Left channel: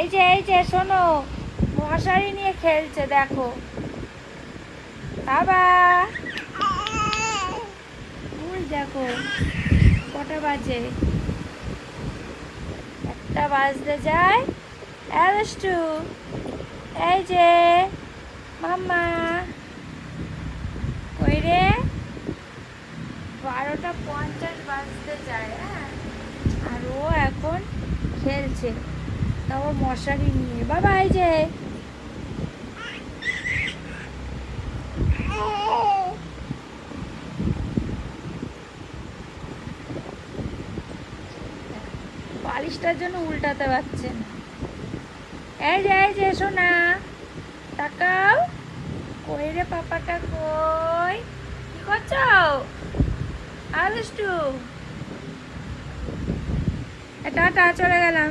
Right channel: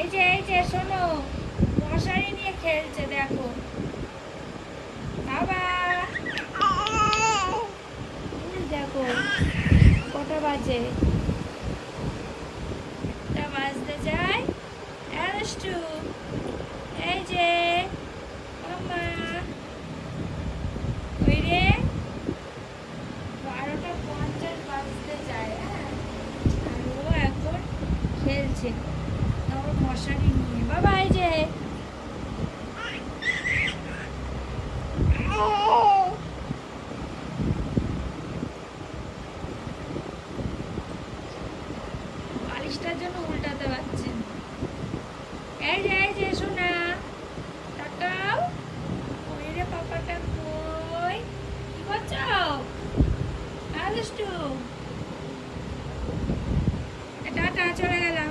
এই যে শোনো, মশারি নিয়ে খেলছে দেখো। বাবা দেখো কটা বাজে, একটা বাজতে যায়। দুষ্টু, এই যে মাম্মা কই রে, 12:50 বাজতে যায়। হ্যাঁ, আর ও এখন খেলছে, তারপর মশারি নিয়ে। বাবা এই যে বালিশটার জন্য উল্টাতে পারছেন। এই যে শোনা, তাকাও। কই রে পাপাটা, কই কি করছো? আলুষ্টু, টাটা, চলে গেলাম।